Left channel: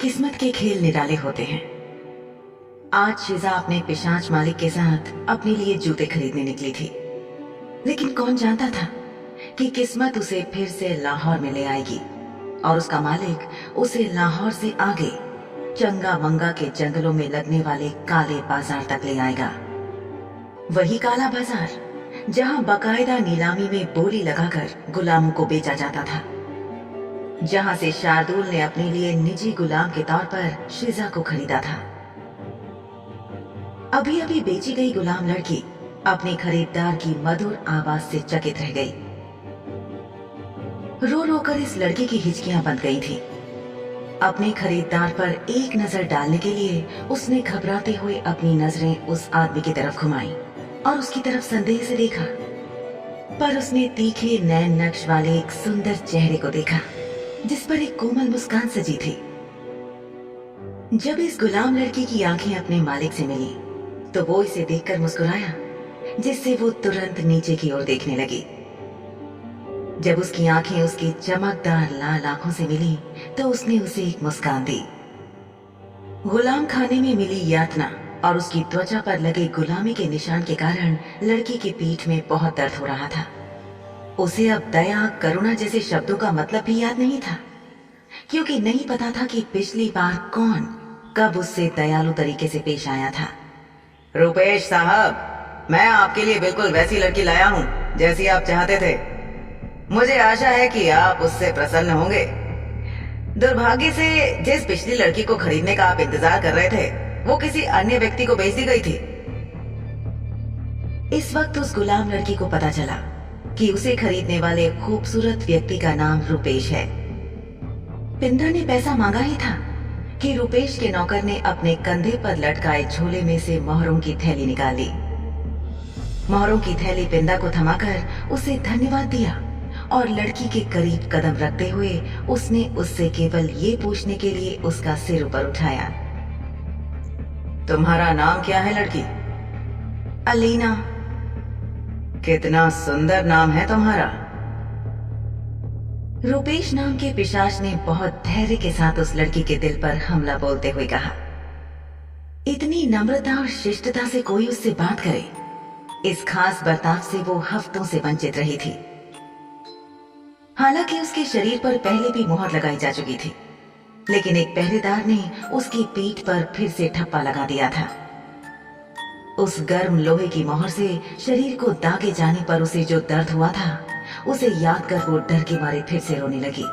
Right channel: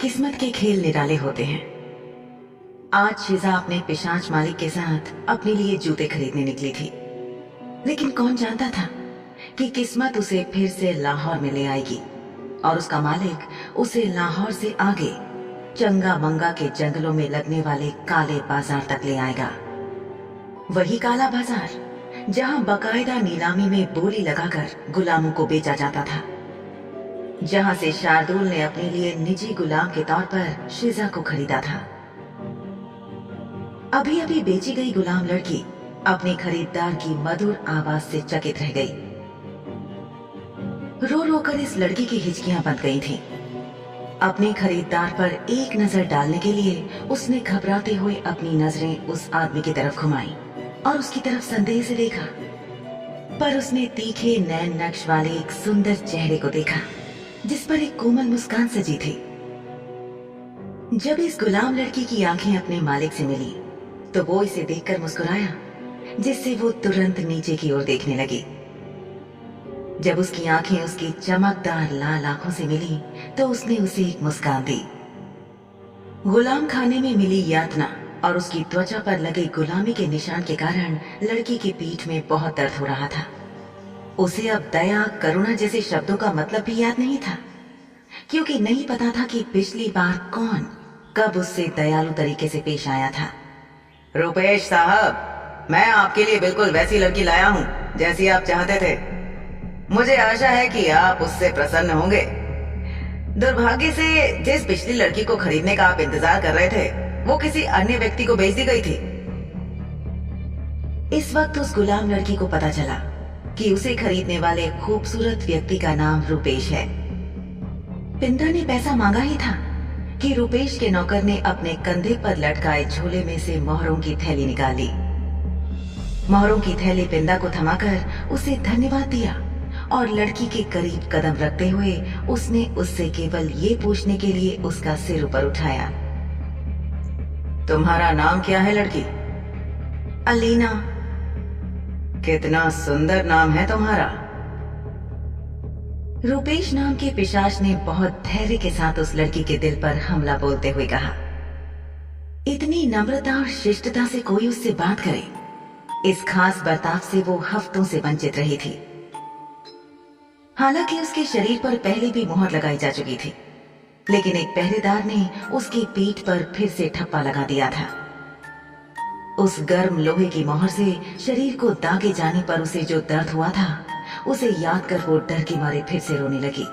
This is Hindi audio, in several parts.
किस्मत के खेल निराले होते हैं। आज शिजा अपने पिशाच मालिक के साथ अपने लिए जूते खरीदने निकली थी, लेकिन कौन जानता था कि किस्मत उसे फिर से लाहौर में ले आएगी और उसका मालिक उसे लाहौर से आगे चंगा मंगा के जंगलों में लगने वाले काले बाजार तक ले आएगा। वही काला बाजार जहां बाकायदा नीलामी में बोली लगाकर गुलामों को बेचा जाता था, जहां से शार्दुल ने अपने लिए निजी गुलाम के तौर पर शिजा को खरीदा था। अभी अभी बेची गई गुलाम लड़की अपने खरीदार की मधुर आवाज से चकित रह गई। रो रो कर इस लड़की की हिचकियां बंद गई थीं। अपने खरीदार पर एक नजर डालने के लिए उसने घबराते हुए अपनी नजरें उस आदमी की तरफ घुमाई और उसकी तरफ संदेह से देखा, पर उसने तीखे नैन नक्श वाले एक सुंदर चेहरे को देखा जिस पर एक कोमल मुस्कान सजी थी। जब इस गुलाम लड़की की आंखें अपने मालिक से मिली तो वो इसे देखकर मुस्कुराया, जिससे वो तुरंत नीचे की ओर देखने लगी। जब उसकी आंखें उसकी चमकदार लाल आंखों से मिली तो उसने उसे एक मुस्कान दी। गुलाम खाने में मिली यातना और उसकी त्वचा पर लगे गुलामी के निशान के कारण लड़की की पीठ में बहुत दर्द हो रहा था। उसे अब दया करुणा जैसे शब्दों का मतलब भी याद नहीं था, क्योंकि नहीं पता था कि पिछली बार कौन कब उससे दयालु तरीके से पेश आया था। रुपेश साहब, मैं आपके लिए बिल्कुल वैसी लड़की लाया हूँ जैसी आप चाहते थे। मुझे आशा है कि आप उससे प्रसन्न होंगे। दुर्भाग्य से जिस पिछली लड़की को खरीदने का आप इंतजार कर रहे थे वो किसी अन्य व्यक्ति को बेच दी गई थी। इस वक्त उस गुलाम लड़की को पता चला कि उसे खरीदने वाले खूबसूरत व्यक्ति का नाम रुपेश है। पिंदा ने पैसा मांगा ही था कि रुपेश के नौकर ने अपने कंधे पर लटकाए झोले में से मोहरों की थैली निकाल ली। मोहरों की थैली पिंदा को थमाकर उसे धन्यवाद दिया और लड़की के करीब कदम रखते हुए उसने उससे केवल ये पूछने के लिए उसका सिर ऊपर उठाया, तुम्हारा नाम क्या है लड़की? अलीना। कितना सुंदर नाम है तुम्हारा। रुपेश नाम के पिशाच ने बहुत धैर्य के साथ उस लड़की के दिल पर हमला बोलते हुए कहा। इतनी नम्रता और शिष्टता से कोई उससे बात करे, इस खास बर्ताव से वो हफ्तों से वंचित रही थी। हालांकि उसके शरीर पर पहले भी मोहर लगाई जा चुकी थी, लेकिन एक पहरेदार ने उसकी पीठ पर फिर से ठप्पा लगा दिया था। उस गर्म लोहे की मोहर से शरीर को दागे जाने पर उसे जो दर्द हुआ था उसे याद कर वो डर के मारे फिर से रोने लगी।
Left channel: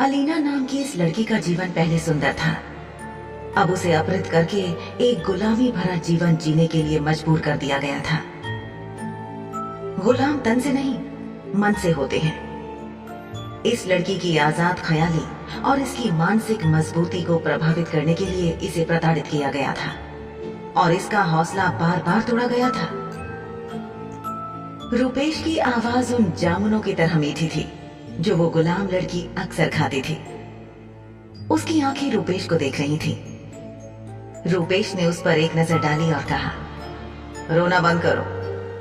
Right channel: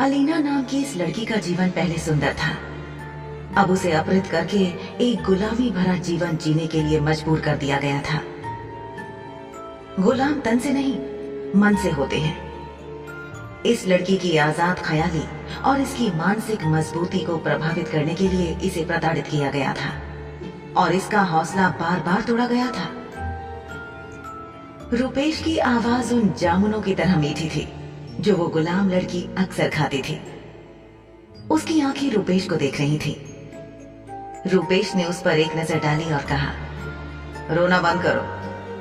अलीना नाम की इस लड़की का जीवन पहले सुंदर था, अब उसे अपहृत करके एक गुलामी भरा जीवन जीने के लिए मजबूर कर दिया गया था। गुलाम तन से नहीं मन से होते हैं। इस लड़की की आजाद ख्याली और इसकी मानसिक मजबूती को प्रभावित करने के लिए इसे प्रताड़ित किया गया था और इसका हौसला बार बार तोड़ा गया था। रुपेश की आवाज उन जामुनों की तरह मीठी थी जो वो गुलाम लड़की अक्सर खाती थी। उसकी आंखें रुपेश को देख रही थी। रुपेश ने उस पर एक नजर डाली और कहा, रोना बंद करो,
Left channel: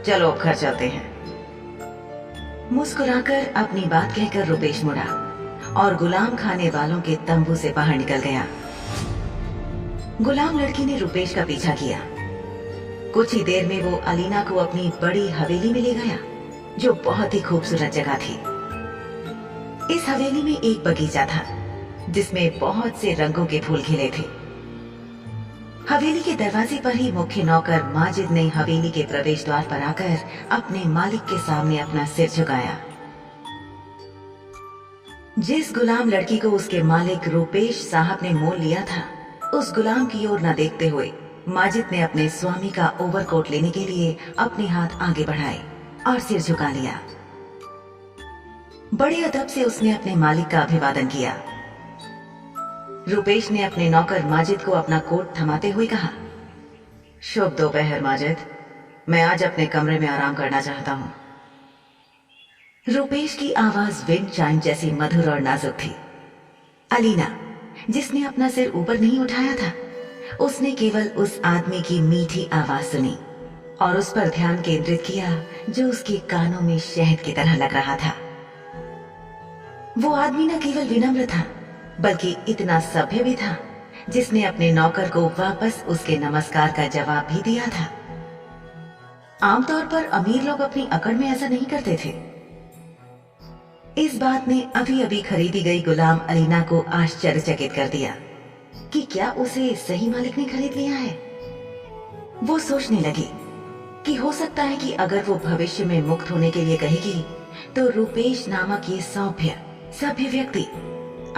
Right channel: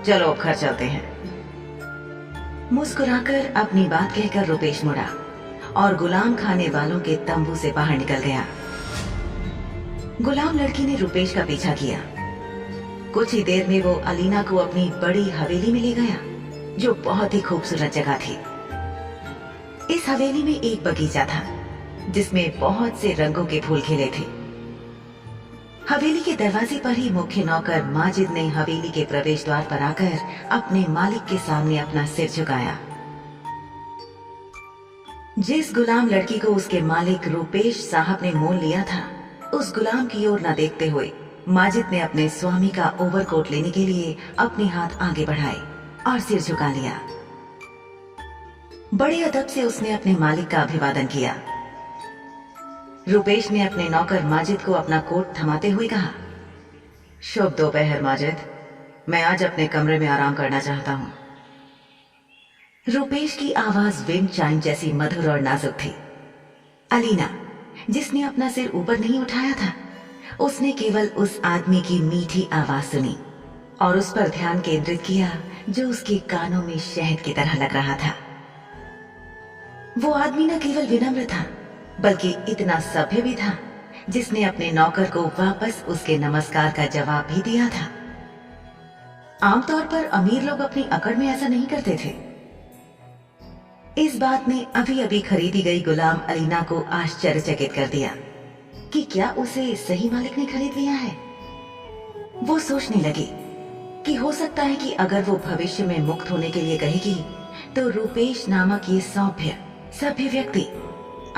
चलो अब घर चलते हैं। मुस्कुराकर अपनी बात कहकर रुपेश मुड़ा और गुलाम खाने वालों के तंबू से बाहर निकल गया। गुलाम लड़की ने रुपेश का पीछा किया। कुछ ही देर में वो अलीना को अपनी बड़ी हवेली में ले गया जो बहुत ही खूबसूरत जगह थी। इस हवेली में एक बगीचा था जिसमें बहुत से रंगों के फूल खिले थे। हवेली के दरवाजे पर ही मुख्य नौकर माजिद ने हवेली के प्रवेश द्वार पर आकर अपने मालिक के सामने अपना सिर झुकाया। जिस गुलाम लड़की को उसके मालिक रुपेश साहब ने मोल लिया था, उस गुलाम की ओर न देखते हुए माजिद ने अपने स्वामी का ओवरकोट लेने के लिए अपने हाथ आगे बढ़ाए और सिर झुका लिया। बड़े अदब से उसने अपने मालिक का अभिवादन किया। रुपेश ने अपने नौकर माजिद को अपना कोट थमाते हुए कहा, शुभ दोपहर माजिद, मैं आज अपने कमरे में आराम करना चाहता हूँ। रुपेश की आवाज विंड चाइम जैसी मधुर और नाजुक थी। अलीना, जिसने अपना सिर ऊपर नहीं उठाया था, उसने केवल उस आदमी की मीठी आवाज सुनी और उस पर ध्यान केंद्रित किया जो उसके कानों में शहद की तरह लग रहा था। वो आदमी न केवल विनम्र था बल्कि इतना सभ्य भी था जिसने अपने नौकर को वापस उसके नमस्कार का जवाब भी दिया था। आमतौर पर अमीर लोग अपनी अकड़ में ऐसा नहीं करते थे। इस बात ने अभी अभी खरीदी गई गुलाम अलीना को आश्चर्यचकित कर दिया कि क्या उसे सही मालिक ने खरीद लिया है। वो सोचने लगी कि हो सकता है कि अगर वो भविष्य में मुक्त होने के लिए कहेगी तो रूपेश नामक ये सभ्य व्यक्ति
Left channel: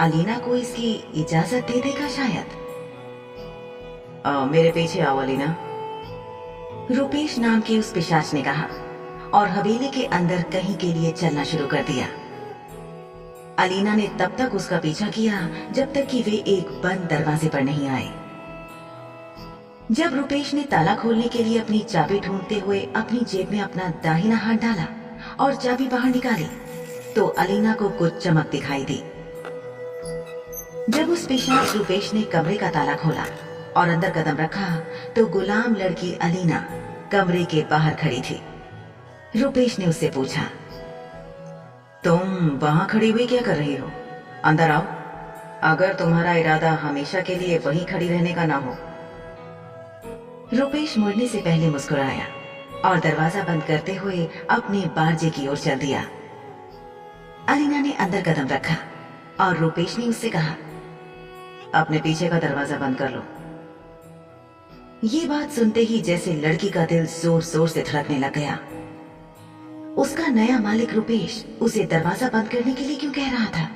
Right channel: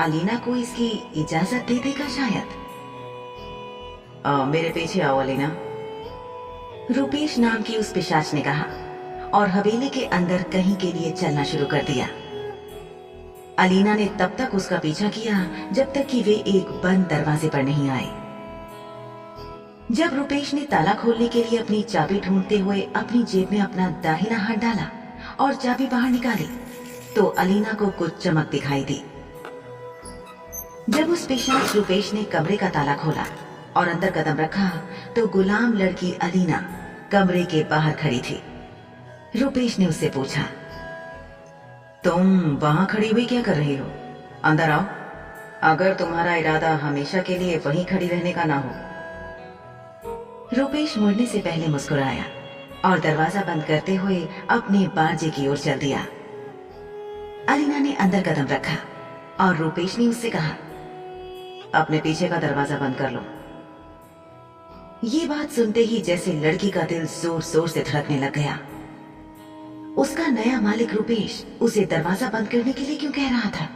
अलीना को इसकी इजाजत दे देगा शायद। मेरे पीछे आओ अलीना, रूपेश नाम की उस पिशाच ने कहा और हवेली के अंदर कहीं के लिए चलना शुरू कर दिया। अलीना ने तब तक उसका पीछा किया जब तक कि वे एक बंद दरवाजे पर नहीं आए। जब रूपेश ने ताला खोलने के लिए अपनी चाबी ढूंढते हुए अपनी जेब में अपना दाहिना हाथ डाला और चाबी बाहर निकाली तो अलीना को कुछ चमक दिखाई दी। जब उस पिशाच रूपेश ने कमरे का ताला खोला और अंदर कदम रखा तो गुलाम लड़की अलीना कमरे के बाहर खड़ी थी। रूपेश ने उससे पूछा, तुम वहां खड़ी हुई क्या कर रही हो? अंदर आओ, अगर तुम्हारा इरादा हमेशा के लिए वहीं खड़ी रहने का ना हो। रूपेश मुड़ने से पहले मुस्कुराया और दरवाजा बंद करते हुए अपने बारजे की ओर चल दिया। अलीना ने अंदर कदम रखा और रूपेश ने उससे कहा, अपने पीछे का दरवाजा बंद कर लो। ये बात सुनते ही जैसे लड़की का दिल जोर जोर से धड़कने लग गया। उसका नया मालिक रूपेश उसे दरवाजा बंद करने के लिए क्यों कह रहा था?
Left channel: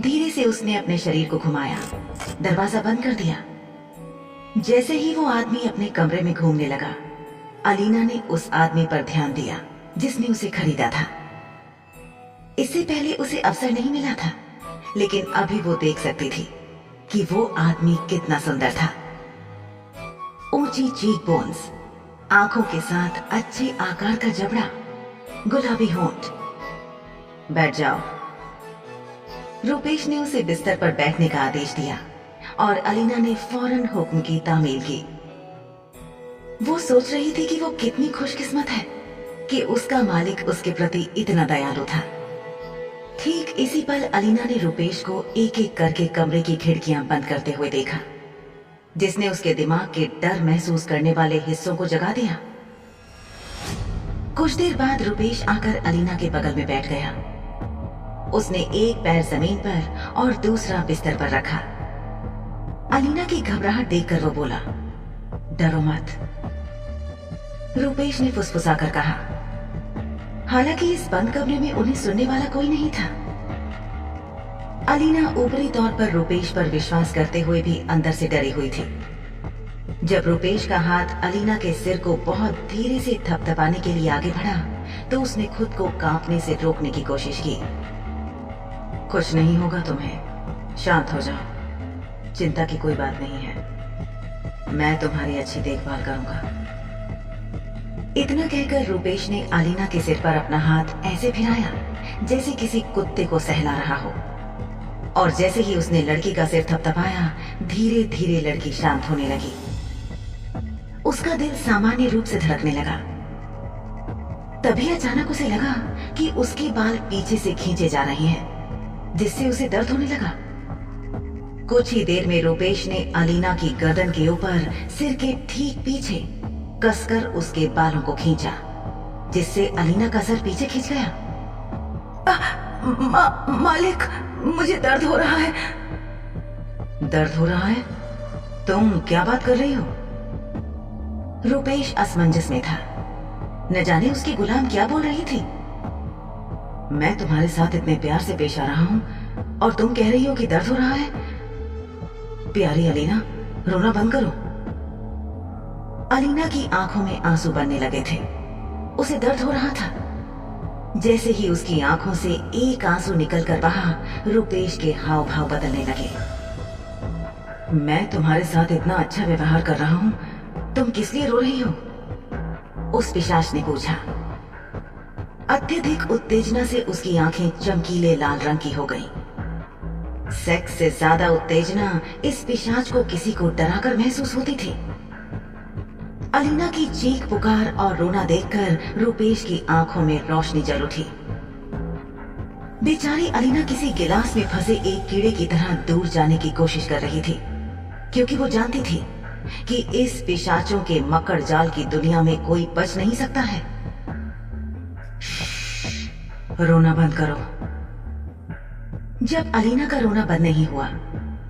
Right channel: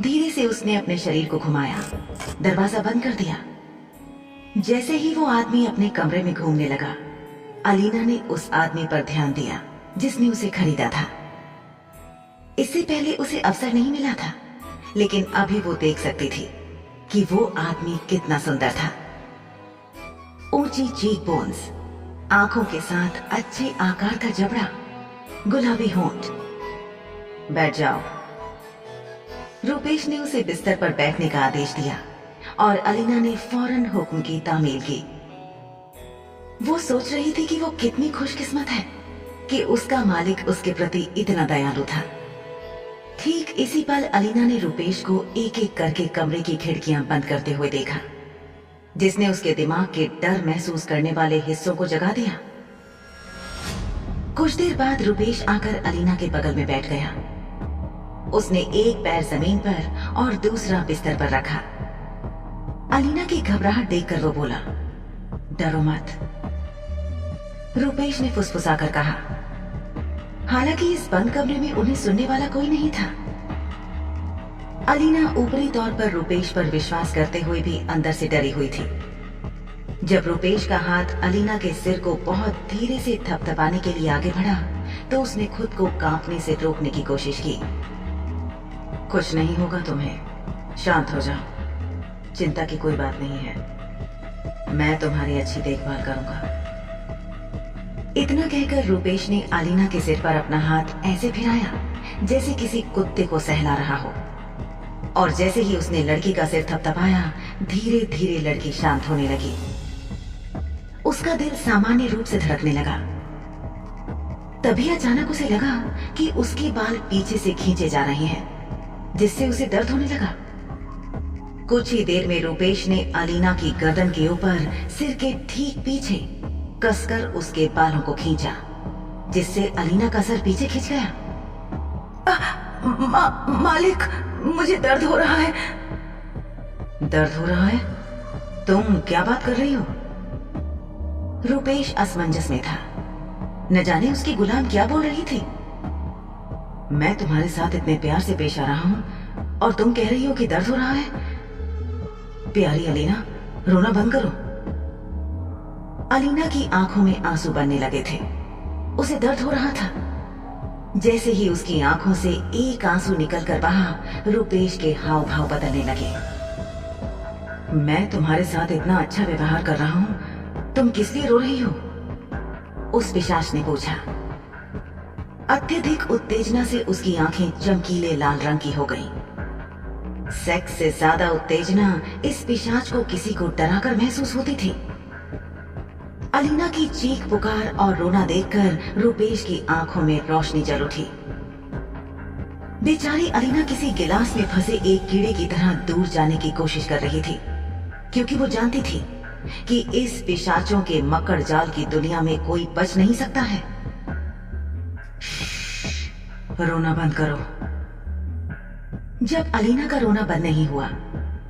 धीरे से उसने अपने शरीर को घुमाया, दरवाजा बंद कर दिया। जैसे ही वो आदमी अपने कमरे में घूमने लगा, अलीना ने उस आदमी पर ध्यान दिया जिसने उसे खरीदा था। इससे पहले उसे अवसर नहीं मिला था, लेकिन अभी वो देख सकती थी कि वो आदमी कितना सुंदर था। ऊंची चीक बोन्स, आंखों के साथ अच्छे आकार का जबड़ा, गुलाबी होंठ। बैठ जाओ। रूपेश ने उसे बिस्तर पर बैठने का आदेश दिया और अलीना ने फौरन हुक्म की तामील की। वो सोच रही थी कि वो कितनी खुशकिस्मत है कि उसका मालिक उसके प्रति इतना दयालु था। ठीक इसी पल अलीना ने रूपेश को एक एक करके कमरे की खिड़कियां बंद करते हुए देखा, जिसने उसके दिमाग के डर महसूस करने वाले हिस्सों को जगा दिया। कुछ देर बाद रूपेश आकर अलीना के बगल में बैठ गया। उसने एक पैर जमीन पर और दूसरा बिस्तर पर रखा। अलीना की घबराहट देखकर वो बोला, डरो मत। रूपेश ने फुसफुसाकर कहा। हालांकि इस बंद कमरे में उन्हें सुनने वाला कोई नहीं था। अलीना ऊपरी तौर पर रूपेश पर विश्वास करते हुए भी अंदर से डरी हुई थी। जब रूपेश का हाथ अलीना के सिर को बहुत धीरे से थपथपाने के लिए आगे बढ़ा तो उसने खुद को कांपने से रोकने की कोशिश की। कुछ नहीं होगा तुम्हें, शांत हो जाओ, चिंता की कोई बात नहीं है, मैं तुम्हारी अच्छी देखभाल करूंगा। इतना कहकर रूपेश ने अलीना के सिर पर अपना हाथ ऐसे फिराया जैसे किसी कुत्ते को सहला रहा हो, और जैसे ही उसने लड़की का सिर थपथपाया धीरे धीरे लड़की शांत होने लगी। उसका दिल सामान्य रूप से धड़कने लगा। तभी अचानक उसे लगा कि उसके बाल पीछे से खींचे जा रहे हैं, जिससे उसे दर्द होने लगा। कुछ ही देर में रूपेश ने अलीना की गर्दन के ऊपर सिर के ठीक पीछे कसकर उसके बालों को खींचा, जिससे अलीना का सर पीछे खिंच गया। मालिक, मुझे दर्द हो रहा है। दर्द हो रहा है? तुम क्या बात कर रही हो? रूपेश असमंजस में था। न जाने उसकी गुलाम क्या बोल रही थी। मैं तुम्हारे साथ इतने प्यार से पेश आ रहा हूं और तुम कह रही हो कि दर्द हो रहा है? प्यारी अलीना, रोना बंद करो। अलीना की आंखों में आंसू बनने लगे थे। उसे दर्द हो रहा था। जैसे ही उसकी आंखों से एक आंसू निकलकर बहा, रूपेश के हाव भाव बदलने लगे। मैं तुम्हारे साथ इतना अच्छा व्यवहार कर रहा हूं, तुम किस लिए रो रही हो? उस पिशाच ने पूछा। अत्यधिक उत्तेजना से उसकी आंखें चमकीले लाल रंग की हो गईं। सेक्स से ज्यादा उत्तेजना इस पिशाच को किसी को डराकर महसूस होती थी। अलीना की चीख पुकार और रोना देखकर रूपेश की आंखों में रोशनी जल उठी। बेचारी अलीना किसी गिलास में फंसे एक कीड़े की तरह दूर जाने की कोशिश कर रही थी, क्योंकि वो जानती थी कि इस पिशाचों के मकड़ जाल की दुनिया में कोई बच नहीं सकता है। रोना बंद करो। जब अलीना का रोना बंद नहीं हुआ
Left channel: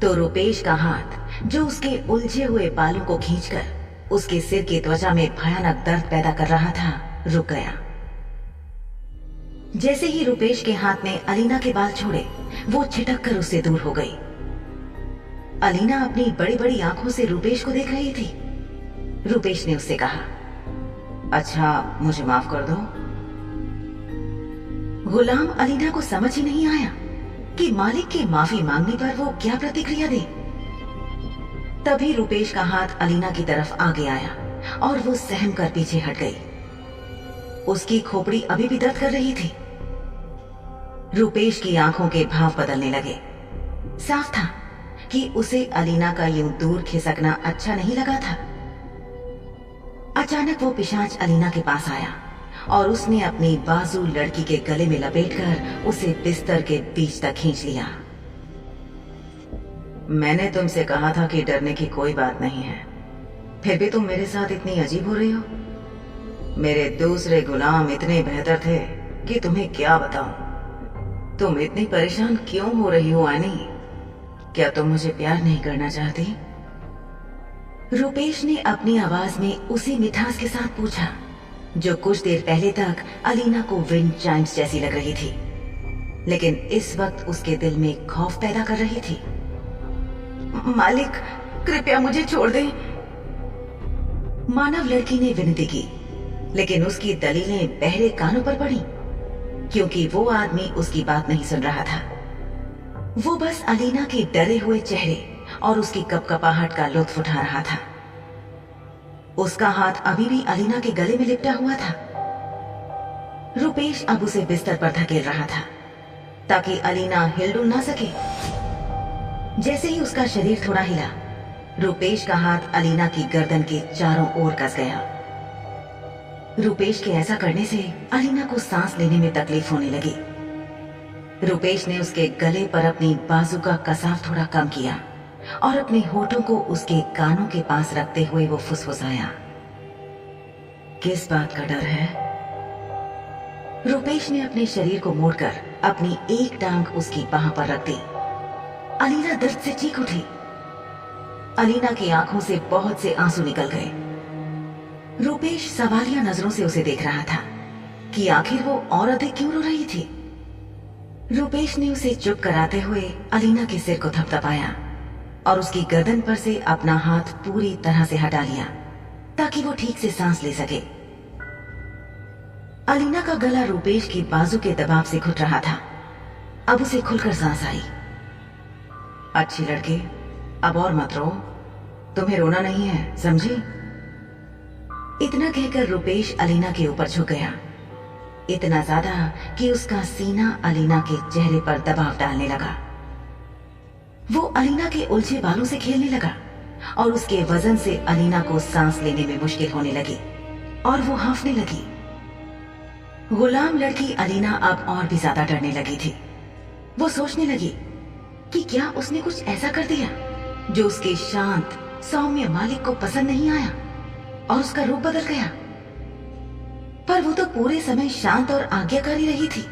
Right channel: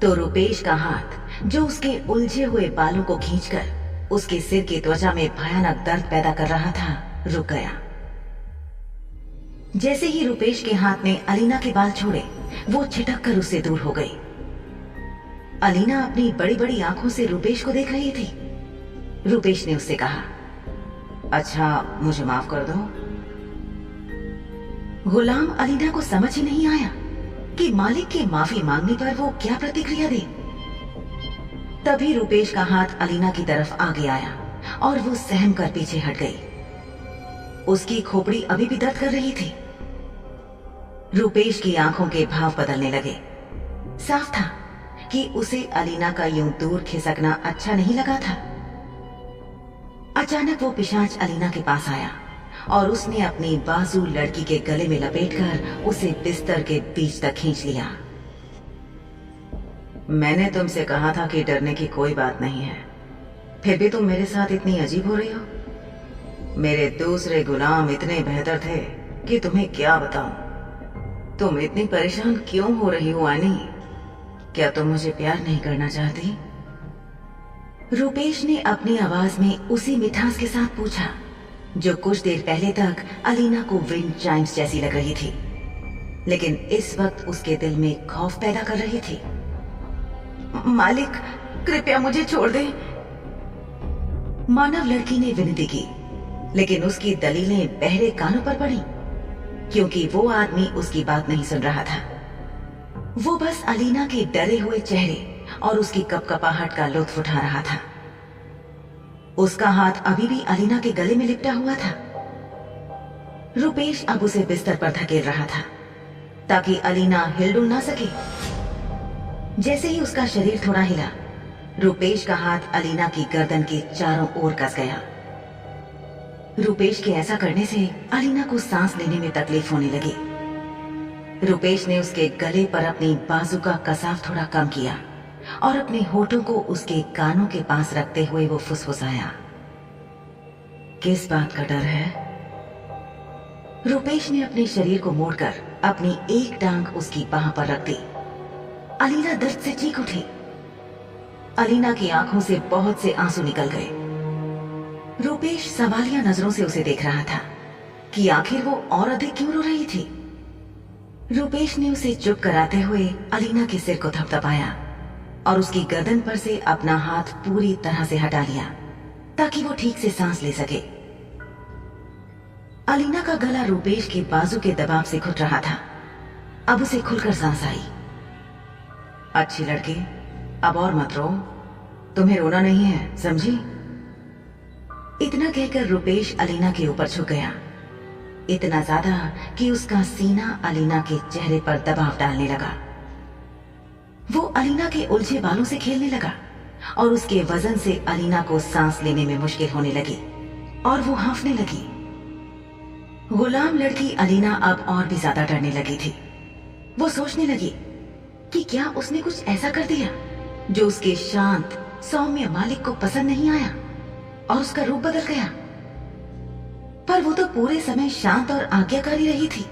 तो रूपेश का हाथ, जो उसके उलझे हुए बालों को खींचकर उसके सिर की त्वचा में भयानक दर्द पैदा कर रहा था, रुक गया। जैसे ही रूपेश के हाथ ने अलीना के बाल छोड़े, वो छिटक कर उससे दूर हो गई। अलीना अपनी बड़ी बड़ी आंखों से रूपेश को देख रही थी। रूपेश ने उससे कहा, अच्छा मुझे माफ कर दो। गुलाम अलीना को समझ ही नहीं आया कि मालिक के माफी मांगने पर वो क्या प्रतिक्रिया दे। तभी रूपेश का हाथ अलीना की तरफ आगे आया और वो सहम कर पीछे हट गई। उसकी खोपड़ी अभी भी दर्द कर रही थी। रूपेश की आंखों के भाव बदलने लगे। साफ था कि उसे अलीना का यूं दूर खिसकना अच्छा नहीं लगा था। अचानक वो पिशाच अलीना के पास आया और उसने अपनी बाजू लड़की के गले में लपेटकर उसे बिस्तर के बीच तक खींच लिया। मैंने तुमसे कहा था कि डरने की कोई बात नहीं है, फिर भी तुम मेरे साथ इतनी अजीब हो रही हो। मेरे दूसरे गुलाम इतने बेहतर थे कि तुम्हें क्या बताऊं। तुम इतनी परेशान क्यों हो रही हो आनी? क्या तुम मुझे प्यार नहीं करना चाहती? रूपेश ने अपनी आवाज में उसी मिठास के साथ पूछा जो कुछ देर पहले तक अलीना को विंड चाइम्स जैसी लग रही थी, लेकिन इस वक्त उसके दिल में खौफ पैदा कर रही थी। मालिक, कृपया मुझे छोड़ दें। मानव लड़की ने विनती की, लेकिन उसकी दलीलें बहरे कानों पर पड़ी, क्योंकि वो आदमी उसकी बात नहीं सुन रहा था। वो बस अलीना के डरे हुए चेहरे और उसकी कपकपाहट का लुत्फ उठा रहा था। उसका हाथ अभी भी अलीना के गले में लिपटा हुआ था। रूपेश अब उसे बिस्तर पर धकेल रहा था ताकि अलीना हिलडुल ना सके। जैसे ही उसका शरीर थोड़ा हिला, रूपेश का हाथ अलीना की गर्दन के चारों ओर कस गया। रूपेश के ऐसा करने से अलीना को सांस लेने में तकलीफ होने लगी। रूपेश ने उसके गले पर अपनी बाजू का कसाव थोड़ा कम किया और अपने होठों को उसके कानों के पास रखते हुए वो फुसफुसाया, किस बात का डर है? रूपेश ने अपने शरीर को मोड़कर अपनी एक टांग उसकी बाह पर रख दी। अलीना दर्द से चीख उठी। अलीना की आंखों से बहुत से आंसू निकल गए। रूपेश सवालिया नजरों से उसे देख रहा था कि आखिर वो और अधिक क्यों रो रही थी। रूपेश ने उसे चुप कराते हुए अलीना के सिर को थपथपाया और उसकी गर्दन पर से अपना हाथ पूरी तरह से हटा लिया ताकि वो ठीक से सांस ले सके। अलीना का गला रूपेश के बाजू के दबाव से घुट रहा था। अब उसे खुलकर सांस आई। अच्छी लड़की, अब और मत रो, तुम्हें रोना नहीं है, समझी? इतना कहकर रूपेश अलीना के ऊपर झुक गया, इतना ज्यादा कि उसका सीना अलीना के चेहरे पर दबाव डालने लगा। वो अलीना के उलझे बालों से खेलने लगा और उसके वजन से अलीना को सांस लेने में मुश्किल होने लगी और वो हांफने लगी। गुलाम लड़की अलीना अब और भी ज्यादा डरने लगी थी। वो सोचने लगी कि क्या उसने कुछ ऐसा कर दिया जो उसके शांत सौम्य मालिक को पसंद नहीं आया और उसका रूप बदल गया। पर वो तो पूरे समय शांत और आज्ञाकारी रही थी।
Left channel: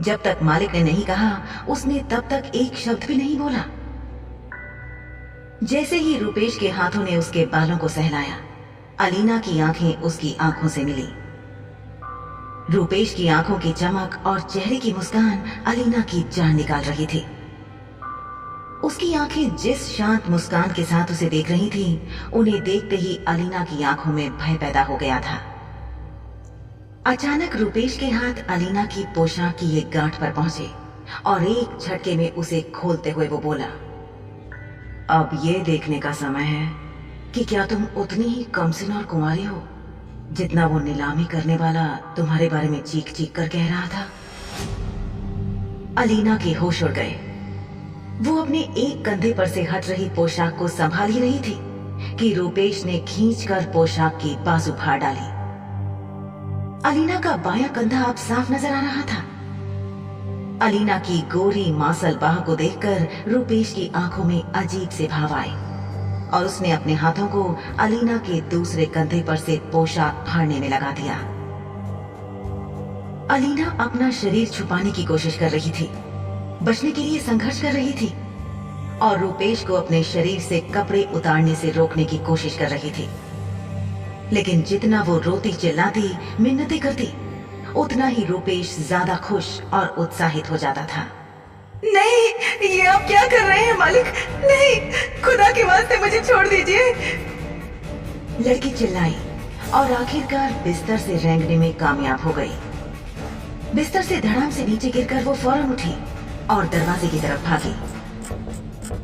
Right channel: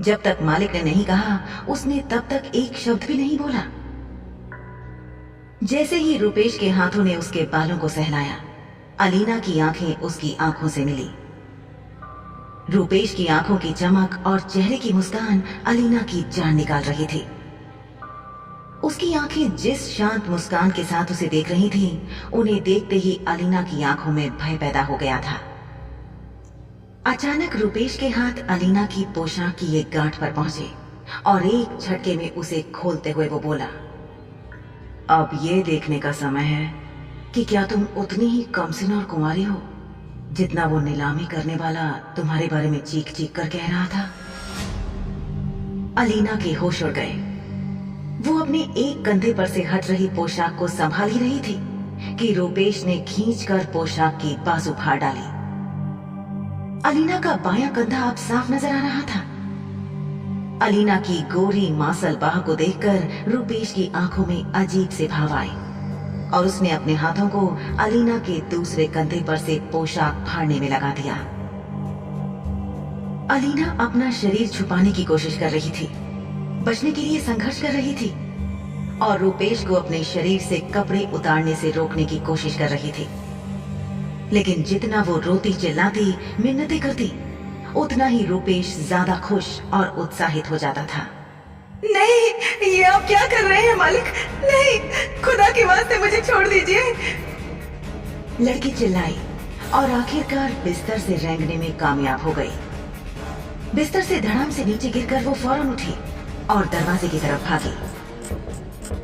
जब तक मालिक ने नहीं कहा, उसने तब तक एक शब्द भी नहीं बोला। जैसे ही रूपेश के हाथों ने उसके बालों को सहलाया, अलीना की आंखें उसकी आंखों से मिली। रूपेश की आंखों की चमक और चेहरे की मुस्कान अलीना की जान निकाल रही थी। उसकी आंखें जिस शांत मुस्कान के साथ उसे देख रही थीं, उन्हें देखते ही अलीना की आंखों में भय पैदा हो गया था। अचानक रूपेश के हाथ अलीना की पोशाक की एक गांठ पर पहुंचे और एक झटके में उसे खोलते हुए वो बोला, अब ये देखने का समय है कि क्या तुम उतनी ही कमसिन और कुंवारी हो जितना वो नीलामी करने वाला तुम्हारे बारे में चीख चीख कर कह रहा था। अलीना के होश उड़ गए। वो अपने एक कंधे पर से हट रही पोशाक को संभाल ही रही थी कि रूपेश ने खींचकर पोशाक की बाजू फाड़ डाली। अलीना का बायां कंधा अब साफ नजर आ रहा था। अलीना की गोरी मासल बाह को देखकर रूपेश की आंखों में अजीब से भाव आए और उसने अपने हाथों को अलीना के दूसरे कंधे पर से पोशाक फाड़ने में लगा दिया। अलीना अपना शरीर छुपाने की कोशिश कर रही थी, बचने के लिए संघर्ष कर रही थी और रूपेश को अपने शरीर से कपड़े उतारने से रोकने की कोशिश कर रही थी। लेकिन जितना वो रोती चिल्लाती मिन्नतें करती, उतना ही रूपेश ज्यादा खुश और उत्साहित हो जाता था। नहीं, ये आप क्या कर रहे हैं मालिक? नहीं, खुदा के वास्ते मुझे छोड़ दीजिए। लड़की चिल्लाई और आखिरकार बिस्तर से रेंगने में कामयाब हो गई। बिस्तर से धड़ाम से नीचे गिरकर वो फौरन उठी और दरवाजे की तरफ भागी।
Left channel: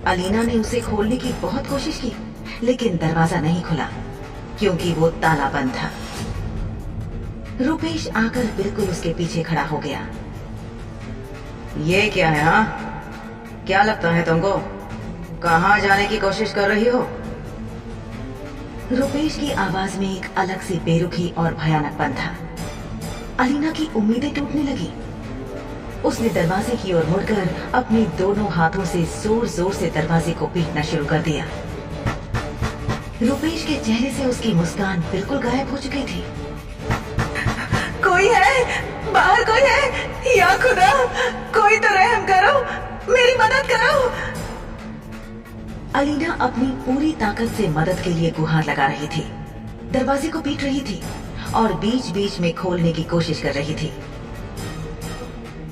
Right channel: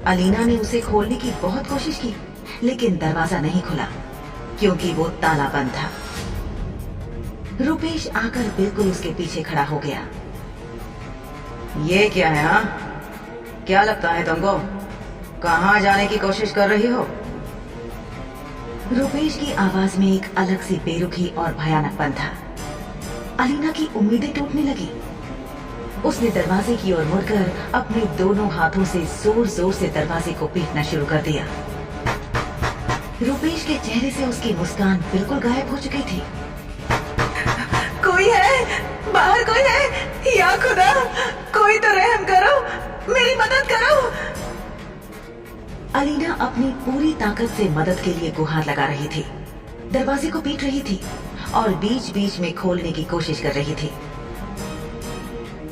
अलीना ने उसे खोलने की बहुत कोशिश की, लेकिन दरवाजा नहीं खुला क्योंकि वो ताला बंद था। रूपेश आकर बिल्कुल उसके पीछे खड़ा हो गया। ये क्या है? हाँ, क्या लगता है तुमको? कहाँ जाने की कोशिश कर रही हो? रूपेश की आवाज में एक अलग सी बेरुखी और भयानकपन था। अलीना की उम्मीदें टूटने लगी। उसने दरवाजे की ओर मुड़कर अपने दोनों हाथों से जोर जोर से दरवाजे को पीटना शुरू कर दिया। रूपेश के चेहरे से उसकी मुस्कान बिल्कुल गायब हो चुकी थी। कोई है? बाहर कोई है? या खुदा, कोई तो रहम करो, मेरी मदद करो। अलीना अपनी पूरी ताकत से मदद के लिए गुहार लगा रही थी, दरवाजे को पीट रही थी और बीच बीच में खोलने की कोशिश कर रही थी।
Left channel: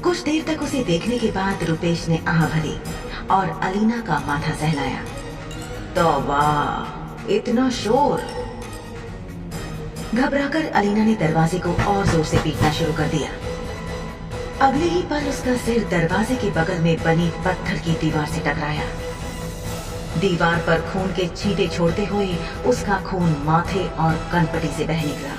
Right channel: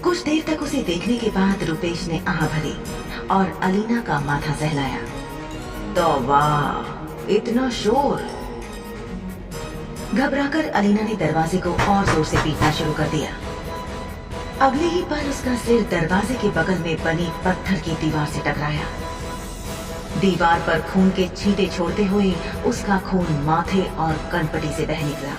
कुछ देर तक उसे देखने के बाद रूपेश ने आह भरी और अलीना का माथा सहलाया। तो वाह, इतना शोर! घबराकर अलीना ने दरवाजे को और जोर से पीटना शुरू कर दिया। अगले ही पल उसका सिर दरवाजे के बगल में बनी पत्थर की दीवार से टकराया। दीवार पर खून के छींटे छोड़ते हुए उसका खून माथे और कनपटी से बह निकला।